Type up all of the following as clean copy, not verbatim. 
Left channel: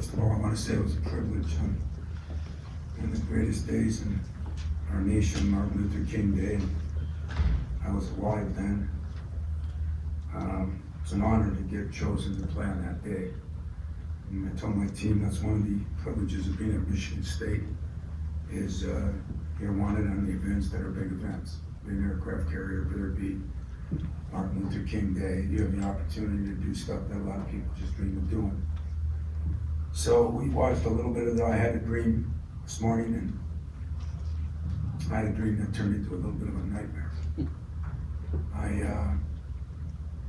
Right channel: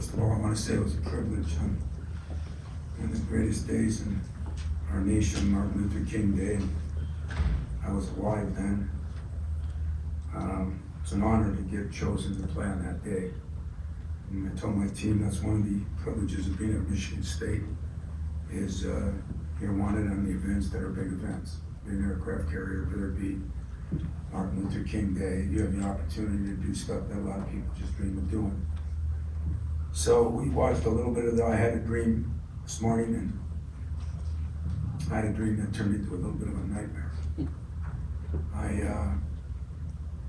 First of all, I want to say it was a privilege on the greatest days in our nation, Martin Luther King Day. I was alive then. It's an honor to get chosen to play on that day. And I told my team that's one of the privileges of being at Michigan State is you're wanted on the events that are big events. Being an aircraft carrier, whether it be Martin Luther King Day, you have the opportunity to do stuff that a lot of people just dream of doing. So we watched a little bit of that. I had a dream this morning, and I had a dream that turned into a little bit of a nightmare. I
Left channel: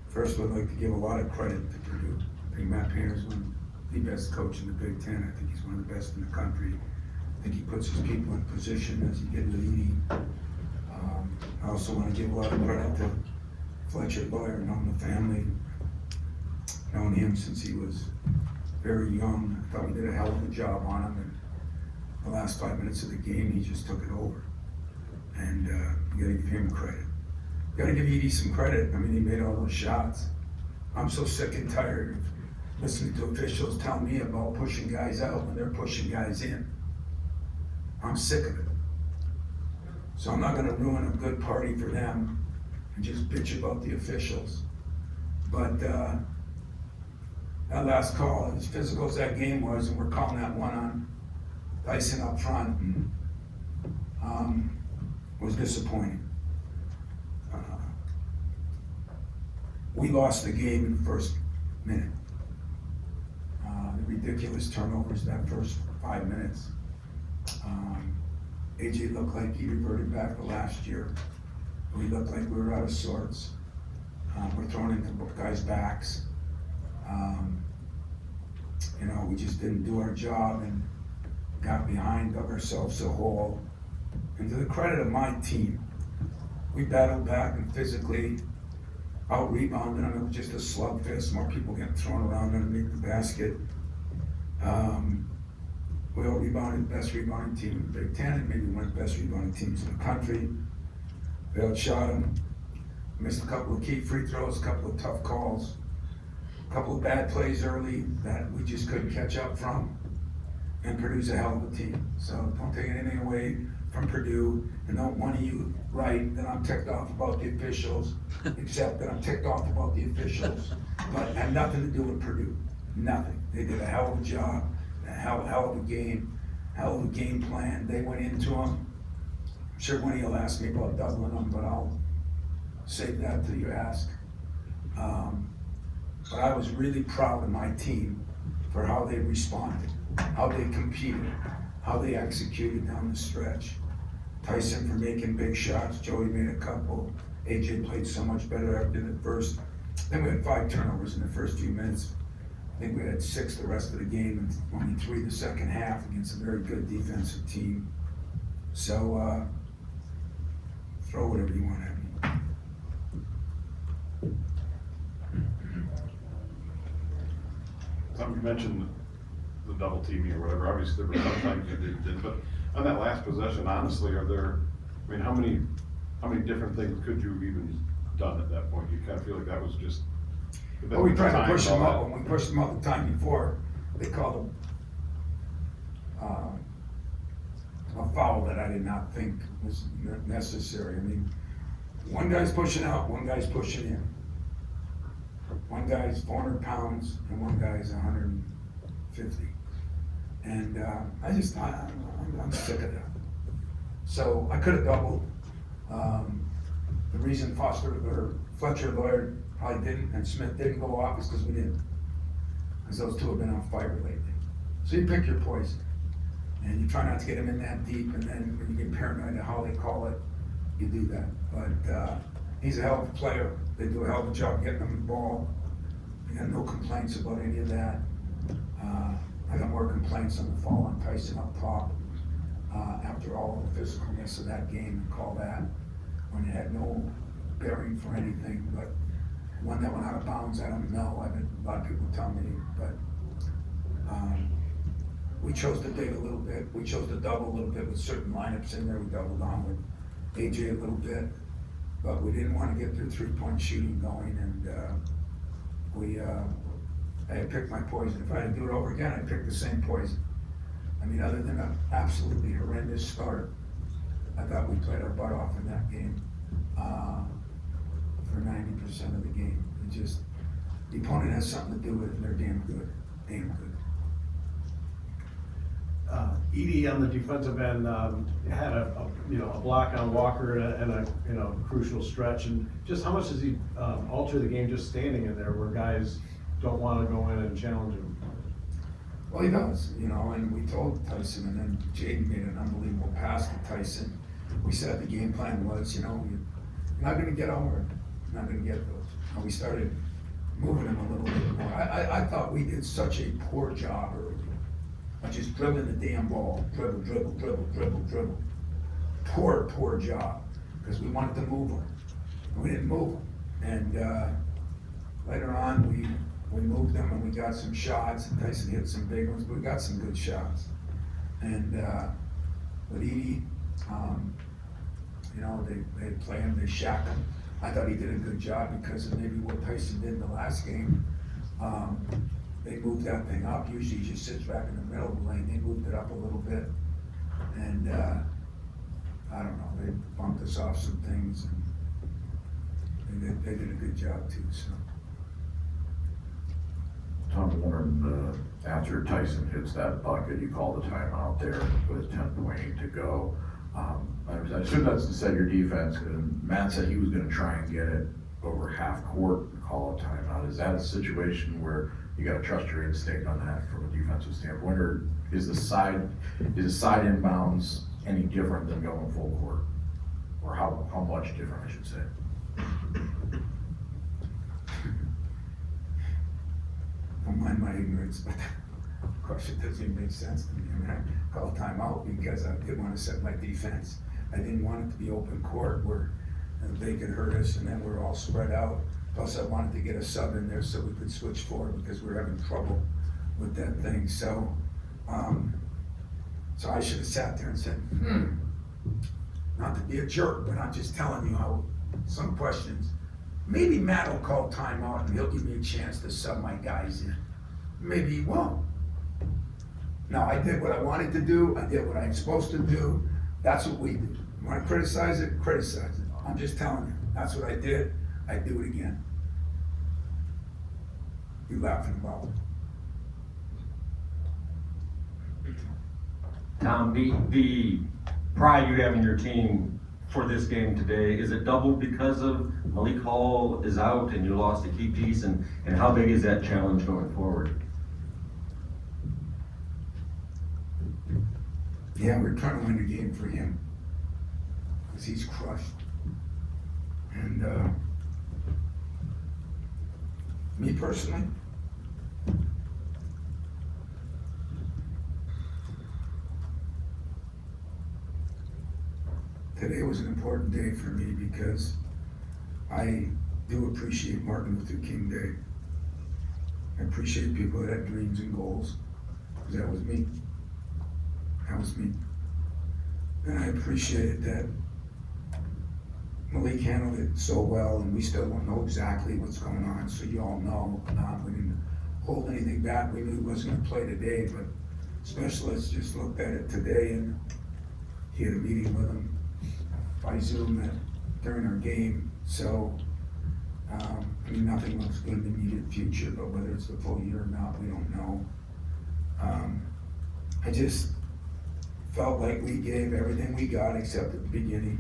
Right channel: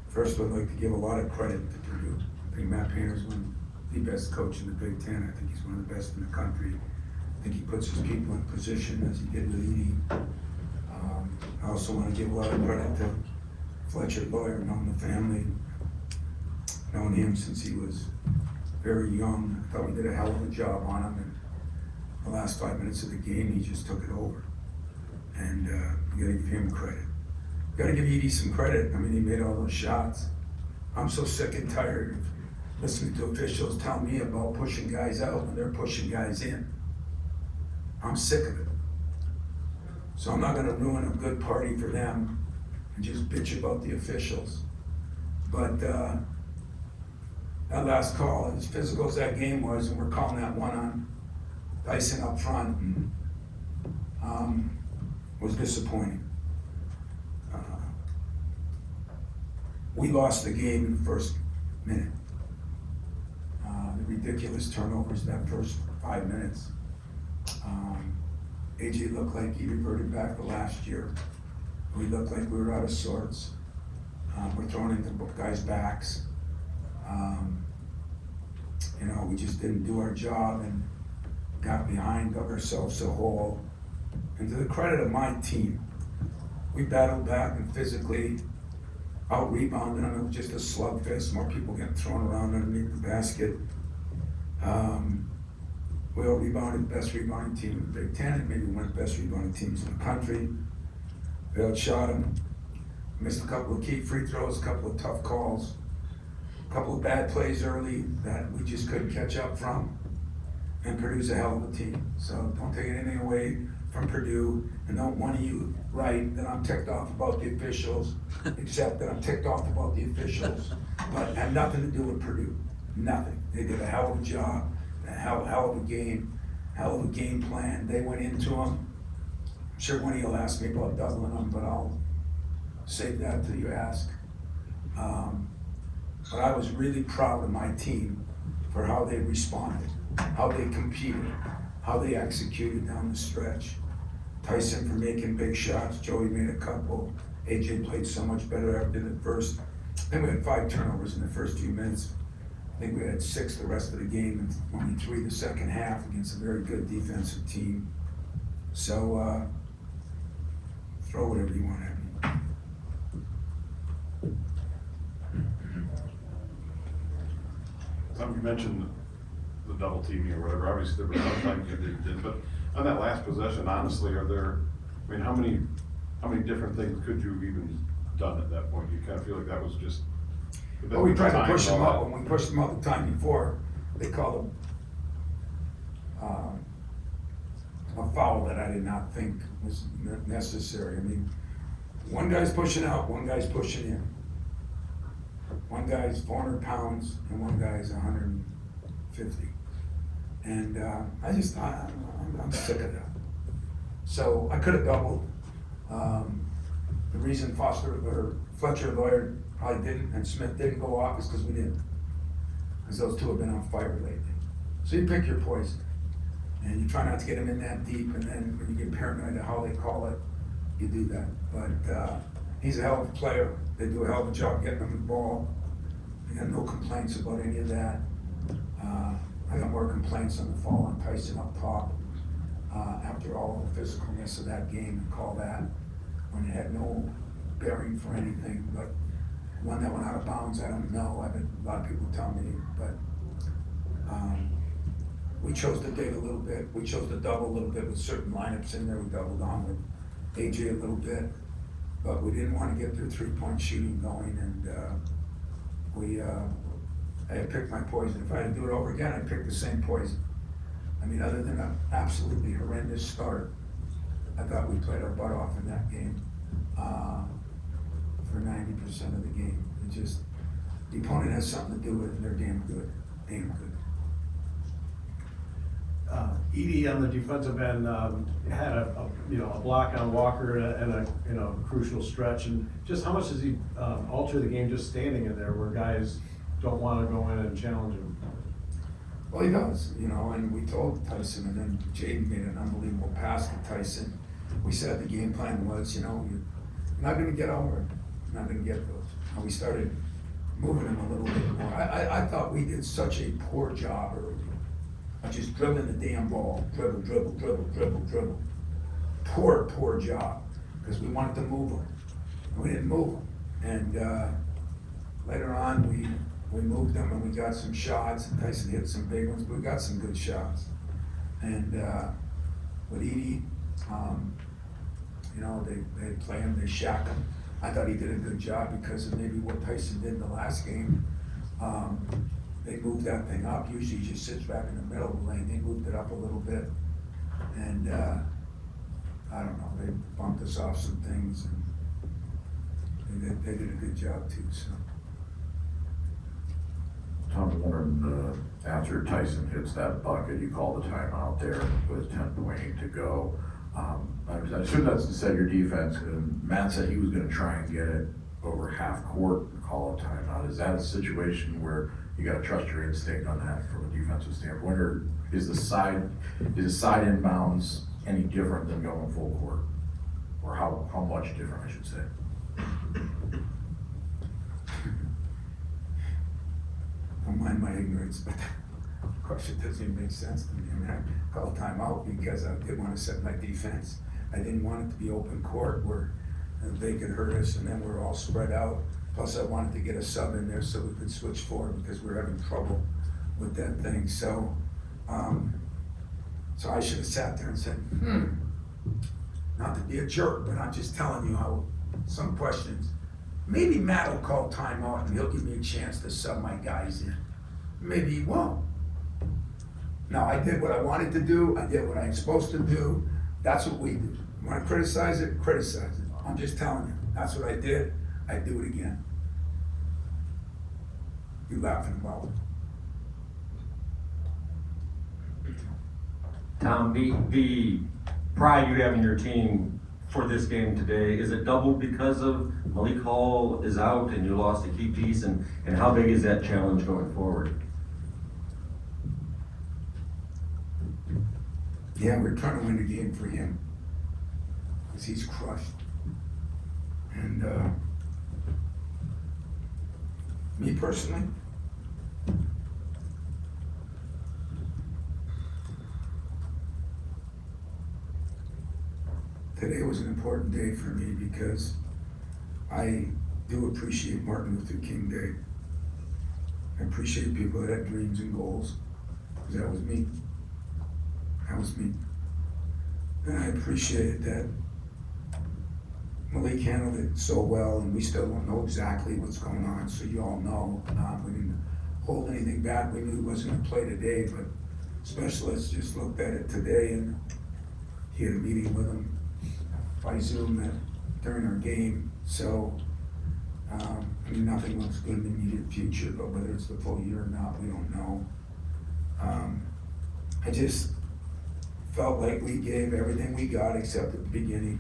first would like to give a lot of credit to Purdue. I think Matt Painter's one of the best coach in the Big Ten. I think he's one of the best in the country. I think he puts his people in position as he did with Edie. I also want to give a lot of credit to Fletcher Lawyer, knowing the family, knowing him since he was very young. I thought we did a hell of a job on him, and the last 5 minutes of the game, he just took it over. And you gotta give him credit. You gotta give Edie some credit. I mean, he made all those shots. I'm so sick and tired of listening to officials tell me about pushing guys out when they're pushing guys in. I'm sick of it. So I'm not gonna ruin a good party for them and just bitch about the officials. But that last call, as physical as that game was, and we're calling that one on Tyson up front, was disappointing. We lost the game in the first minute. The ridiculous turnovers in that first 5 minutes. AJ looked like he reverted back to last year. We looked like we were out of sorts. We're thrown into both guys' backs. We just didn't do our job and got behind, dug ourselves a hole. And to the credit of my team, we battled back and physically out-rebounded them. It was just a slugfest, more people getting thrown around underneath the basket. We out-rebounded the best rebounding team in the Big Ten, and maybe one of the best rebounding teams in the country. We outshot them, missed a couple of key free throws, a couple of tough calls, a couple of bad plays early that we just couldn't catch up from, and Purdue's a hell of a team. So don't take anything away from Purdue, and don't one of you write that I'm ticked off about the officials, except that I'm ticked off about the officials, but it had nothing to do with Purdue, nothing. They did a hell of a job, a hell of a game, hell of a game plan. They went into them. I'm sure one of you will ask me about doubling them, but I'll save that till you ask. But I was really proud of my team for how they responded, how they competed, how they executed down the stretch. Tyson for making big shots, Joey made a couple, AJ played so much better after the first. Then we had 5 turnovers in the first few minutes. I think we had 6 the rest of the game and only 3 the second half against a very good defensive team. So throw whatever you want at me. Tom, you mentioned the double teaming or whatever. Obviously, there was some times you did, but on that last possession, honestly, how many different things could you have even done at that point? You kind of feel like that was just. Well, we tried to push them out. When we pushed them out the time before, they called a foul that I did not think was necessary. I mean, one guy's pushing out, one guy's pushing in. One guy's 400 pounds and one guy's 150. And I'm sick of that. So I could have doubled. The reason Fletcher Lawyer probably didn't and Smith didn't go off is because we didn't. Because those two have been on fire lately. So you pick your poison. And you try not to get them in that deep, and then when you get paranoid at how they call it, you do that. But he's a hell of a player. They do a hell of a job getting him the ball. I got no complaints about any of that. I got more complaints on the fall on Tyson up top after all the physicalness of that game and call that when it had no bearing for anything. But one that went out of bounds, I don't know. I've had a lot of people tell me, but we chose to dig a little bit. We chose to double a little bit with certain lineups in there. We doubled on with AJ a little bit, but we didn't want to get their 3-point shooting going, and we I had picked my poison. If I had to do it over again, I'd pick the same poison. I mean, other than an absolutely horrendous start, I thought we played our butt off in that game for 90% of the game. It just, the opponent has something to do with it, and they're damn good, damn good. Edie on the defensive end had a block on Walker and a crucial stretch. And just how much does he alter the game just standing in there where guys don't want to go in and challenge him? Well, he does, and we told Tyson, and then Jaden made an unbelievable pass to Tyson. We said the game plan was, you're not going to get over it. You're not going to get those. And we started moving him a little bit more. I thought we did such a poor job early. Just dribbling the damn ball, dribble. Poor job, because we wanted to move them. We didn't move them. And later on, we moved them and we got some shots. And Tyson hit some big ones, but we got some good shots. And with Edie, they play him, they shack him. I thought he did a good job because of maybe what Tyson did in the last game. They moved that thing up. Usually he just sits back in the middle of the lane. They moved it up a little bit. And I don't know, they bumped us off some things. And they did a good job too. So. Tom Warren, after Tyson hits that bucket, you call the timeout there with 10 waiting to go. I assume that's to set your defense. Matt said he was going to try and get it over half court and call a timeout. Is that a situation where you got to trust your instinct on that from a defensive standpoint, or is the side inbounds any different than going full court, or how much different, I should say? Don't mind my ignorance, but of course it doesn't even make sense to me. I mean, I called a timeout because I didn't want to set my defense. I didn't want it to be open court where they could hurt us and then we're all spread out. Plus I wanted to get a sub in there so we could switch forward because we were having trouble with that thing. So I should have sat there and said, not to be a jerk, but I'm just telling you how some questions. Maybe Matt will call timeout and he'll give me a chance to sub my guys in. Maybe he won't. No, I did what I wanted to do. I did what I'm supposed to do. That's what we do. You want to criticize it? Criticize it. I'm just telling you. That's what I did. I do it again. You laughing about it? Tom, the pride you have in your team for this game today, is it doubled because of Malik Hall is out and you lost a key piece, and how big is that challenge going forward? Yeah, we're trying to win the game for him because he's crushed. And me personally, today was an important day for me because I do appreciate Martin Luther King Day. I appreciate people that had dreams and goals, because that was me. That was me. And I appreciated that Malik handled it so well, and we still don't know exactly what's going on, so you all know. We didn't hold anything back. We knew he wasn't going to play today, but specialists just looked at it today, and he had a meeting with him by Zoom during our game. So, nothing looks good in the immediate future, but whether it's the full year or not, we don't know. I just felt like we gave everything we got except at the beginning.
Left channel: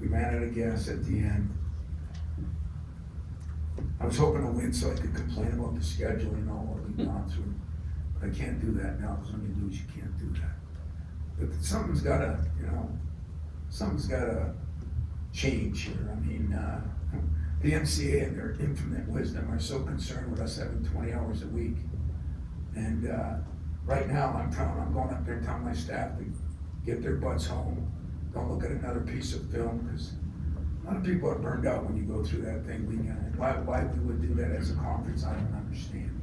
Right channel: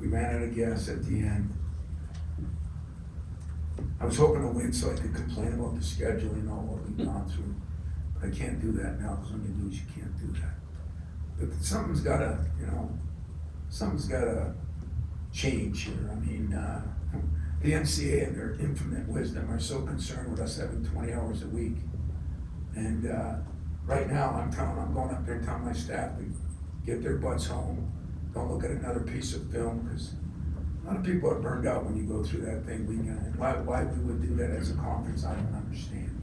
We ran out of gas at the end. I was hoping to win so I could complain about the scheduling, all what we've gone through. I can't do that now, because when you lose, you can't do that. But something's gotta change here. I mean, the NCAA and their infinite wisdom are so concerned with us having 20 hours a week. And right now, I'm going up there telling my staff to get their butts home. Don't look at another piece of film, because a lot of people are burned out when you go through that thing. Why we would do that as a conference, I don't understand.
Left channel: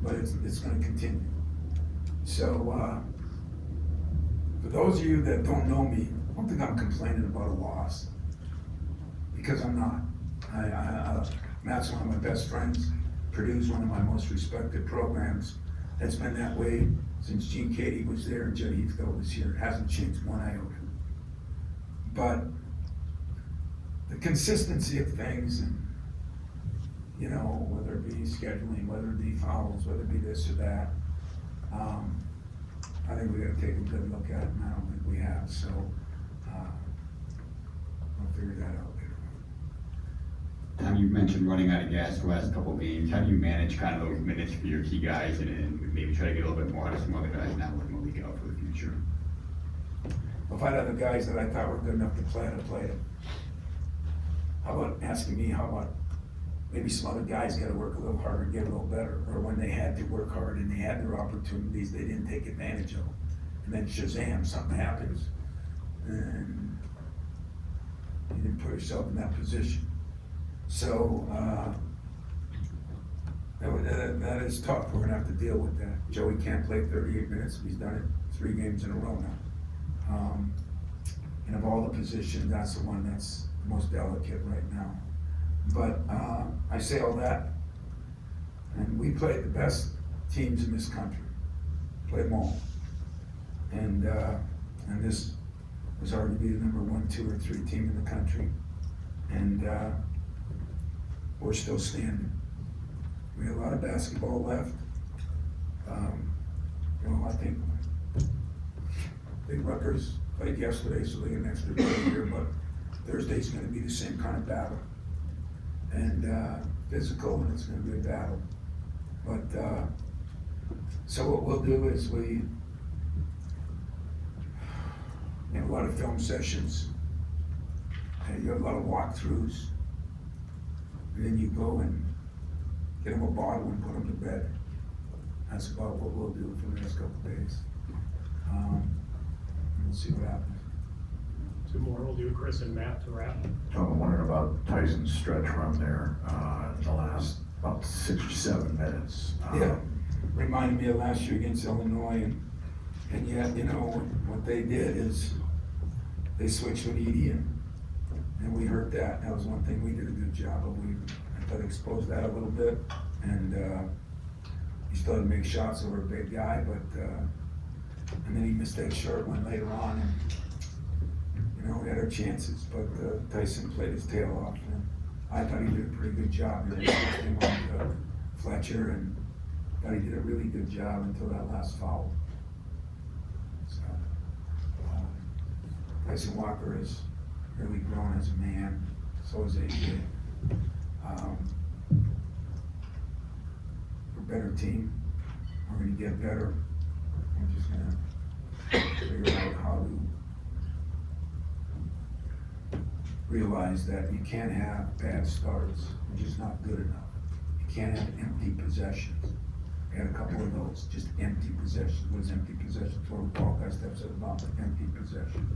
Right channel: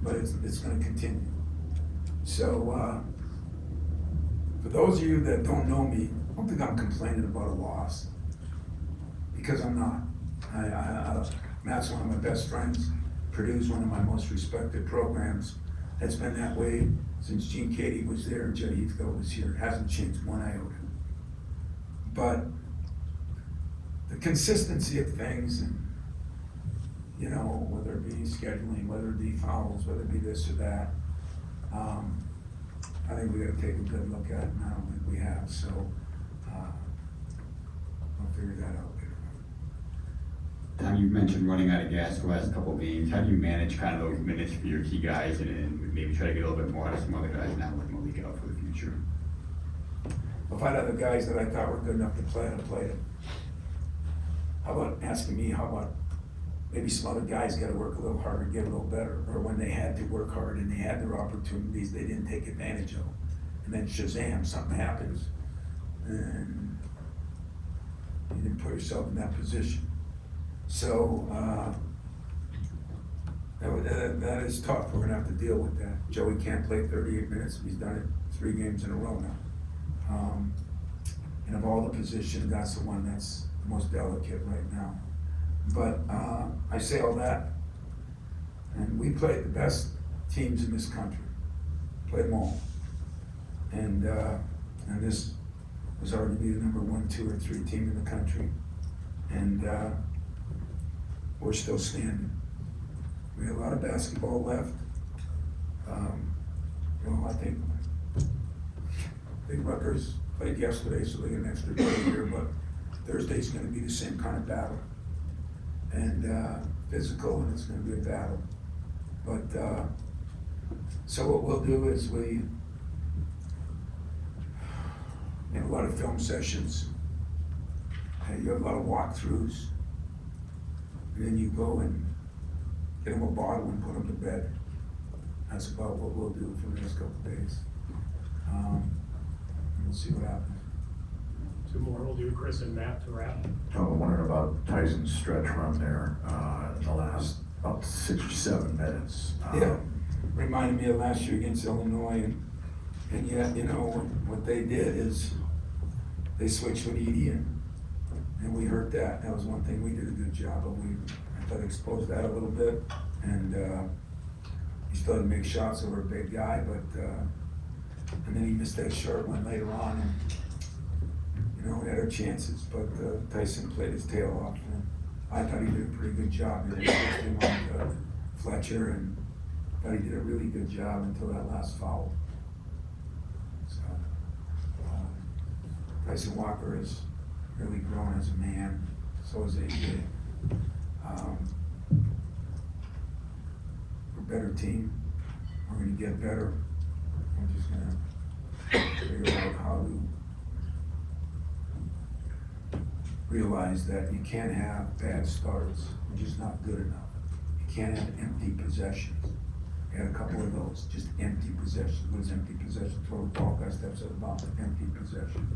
But it's going to continue. So for those of you that don't know me, I don't think I'm complaining about a loss, because I'm not. Matt's one of my best friends. Purdue's one of my most respected programs. It's been that way since Gene Katie was there and Joe Heathcote was here. It hasn't changed one iota. But the consistency of things and, you know, whether it be scheduling, whether it be fouls, whether it be this or that, I think we gotta take a good look at it now that we have, so, I'll figure that out later. Tom, you mentioned running out of gas the last couple of games. How do you manage kind of those minutes for your key guys and maybe try to get a little bit more out of some other guys now with Malik out for the future? If I had other guys that I thought were good enough to play, I'd have played them. How about asking me, how about maybe some other guys gotta work a little harder, get a little better, or when they had to work hard and they had their opportunities, they didn't take advantage of them. And then shazam, something happens, and you didn't put yourself in that position. So, that is tough, we're gonna have to deal with that. Joey can't play 38 minutes, he's done it 3 games in a row now. And of all the positions, that's the one that's the most delicate right now. But I say all that, and we played the best teams in this country, played them all. And this was arguably the number 1, 2, or 3 team in the country. And we're still standing. We have a lot of basketball left. You know, I think Big Rutgers played yesterday, so they get an extra day here, but Thursday's gonna be the same kind of battle. And physical, and it's gonna be a battle. But, so what we'll do is we have a lot of film sessions, and you have a lot of walkthroughs, and then you go and get them a bottle and put them to bed. That's about what we'll do for the next couple of days. And we'll see what happens. 2 more, we'll do Chris and Matt to wrap. I'm wondering about Tyson's stretch run there, in the last about 6 or 7 minutes. Yeah, reminded me of last year against Illinois, and yet, you know, what they did is they switched with Edie, and we heard that. That was one thing we did a good job of. I thought exposed that a little bit, and he still had to make shots over a big guy, but and then he missed that short one later on, and you know, we had our chances, but Tyson played his tail off, and I thought he did a pretty good job. He switched him on to Fletcher, and thought he did a really good job until that last foul. So, Tyson Walker has really grown as a man, so is AJ. We're a better team, we're gonna get better, we're just gonna figure out how to realize that you can't have bad starts, you're just not good enough. You can't have empty possessions. We had a couple of those, just empty possessions. What is empty possession? Total ball guy steps about the empty possession.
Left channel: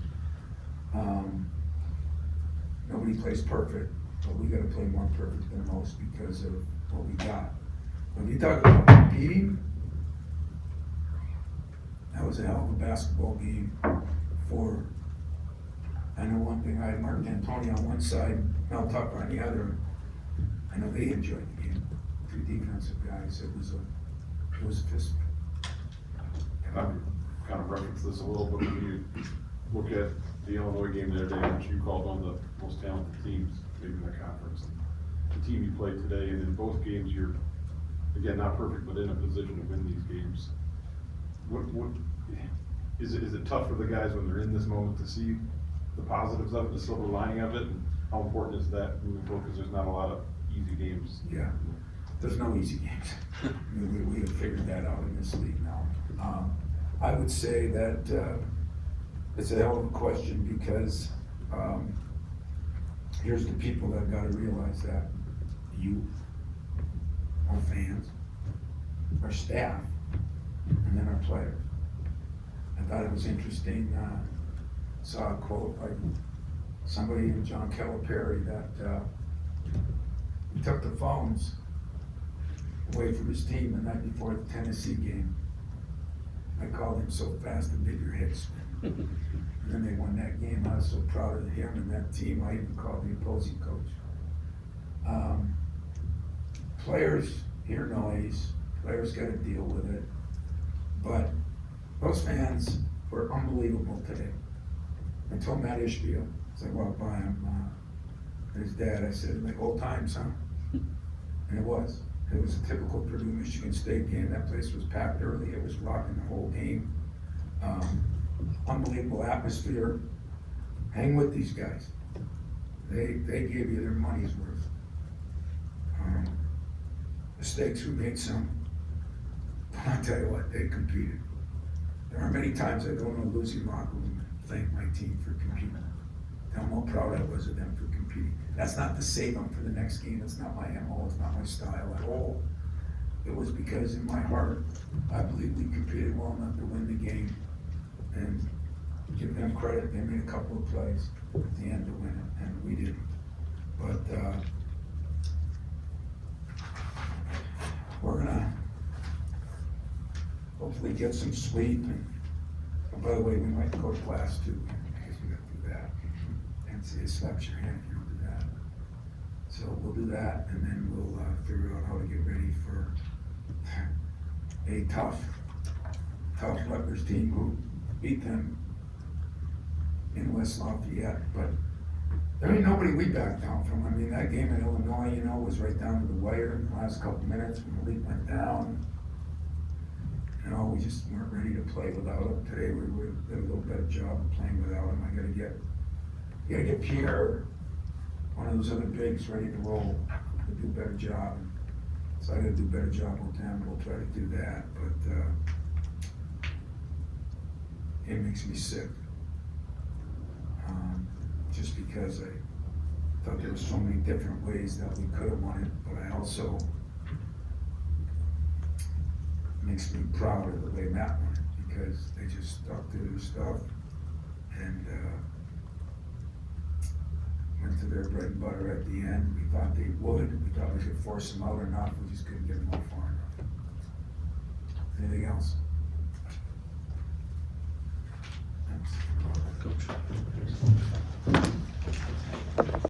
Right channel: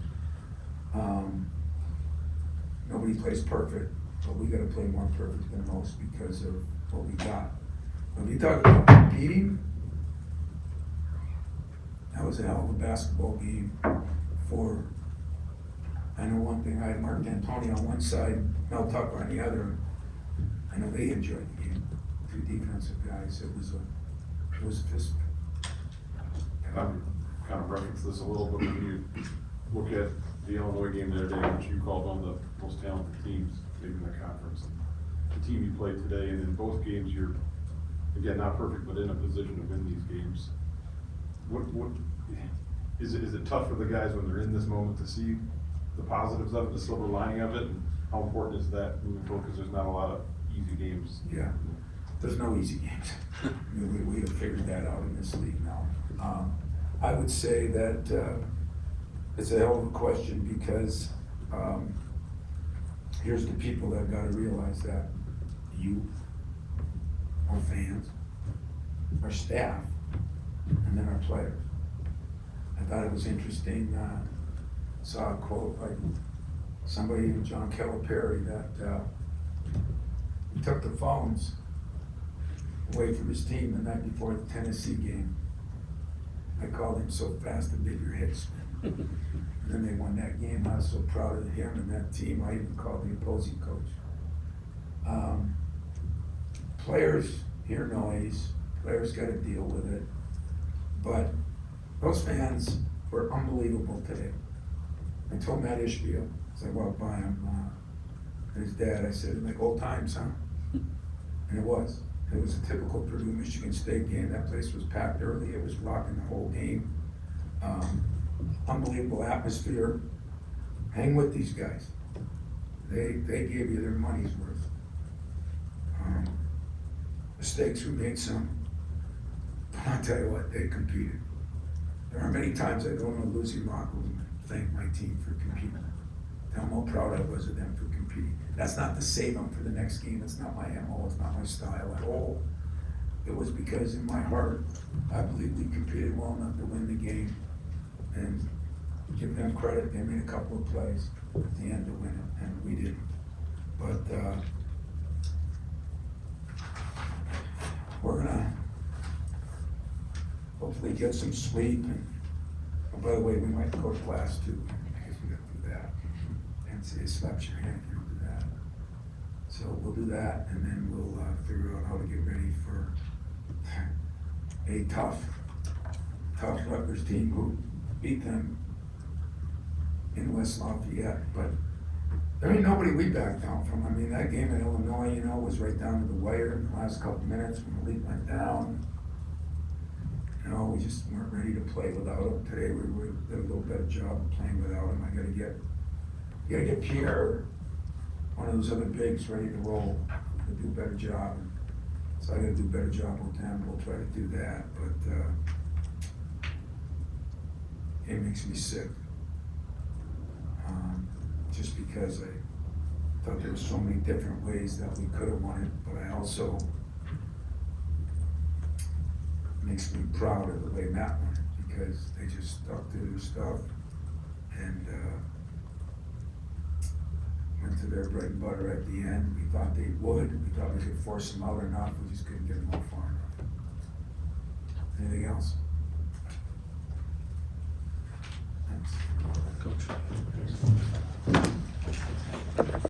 Nobody plays perfect, but we gotta play more perfect than most because of what we got. When you talk about competing, that was a hell of a basketball game for, I know one thing, I had Mark D'Antoni on one side, Mel Tucker on the other. I know they enjoyed the game. 2 defensive guys, it was a fist fight. And I'm kind of reference this a little bit when you look at the Illinois game the other day, which you called one of the most talented teams maybe in the conference. The team you played today, and in both games you're, again, not perfect, but in a position to win these games. What is it tough for the guys when they're in this moment to see the positives of it, the silver lining of it, and how important is that moving forward, because there's not a lot of easy games? Yeah, there's no easy games. we have figured that out in this league now. I would say that it's a hell of a question because here's the people that got to realize that you, our fans, our staff, and then our players. I thought it was interesting, saw a quote by somebody, John Calipari, that he took the phones away from his team the night before the Tennessee game. I called him so fast it made your head spin. And then they won that game. I was so proud of him and that team. I even called the opposing coach. players hear noise, players gotta deal with it. But those fans were unbelievable today. I told Matt Ishbia, as I walked by him, and his dad, I said, like old times, huh? And it was. It was a typical Purdue Michigan State game. That place was packed early. It was rocking the whole game. Unbelievable atmosphere. Hang with these guys. They gave you their money's worth. Mistakes, we made some. But I'll tell you what, they competed. There are many times I go in the losing locker room and thank my team for competing. Tell them how proud I was of them for competing. That's not to save them for the next game. It's not my MO. It's not my style at all. It was because in my heart, I believe we competed well enough to win the game. And give them credit. They made a couple of plays at the end to win it, and we didn't. But we're gonna hopefully get some sleep. And oh, by the way, we might go to class too, because we got to do that. And see, it slaps your hand if you don't do that. So we'll do that, and then we'll figure out how to get ready for a tough Rutgers team who beat them in West Lafayette. But there ain't nobody we backed down from. I mean, that game in Illinois, you know, was right down to the wire in the last couple minutes when the lead went down. You know, we just weren't ready to play without him. Today we did a little better job of playing without him. I gotta get Pierre, one of those other bigs, ready to roll, to do a better job. So I gotta do a better job with them. We'll try to do that, but it makes me sick. Just because I thought there were so many different ways that we could have won it, but I also makes me proud of the way Matt won, because they just stuck to their stuff and went to their bread and butter at the end. We thought they would. We thought we could force them out enough. We just couldn't get them far enough.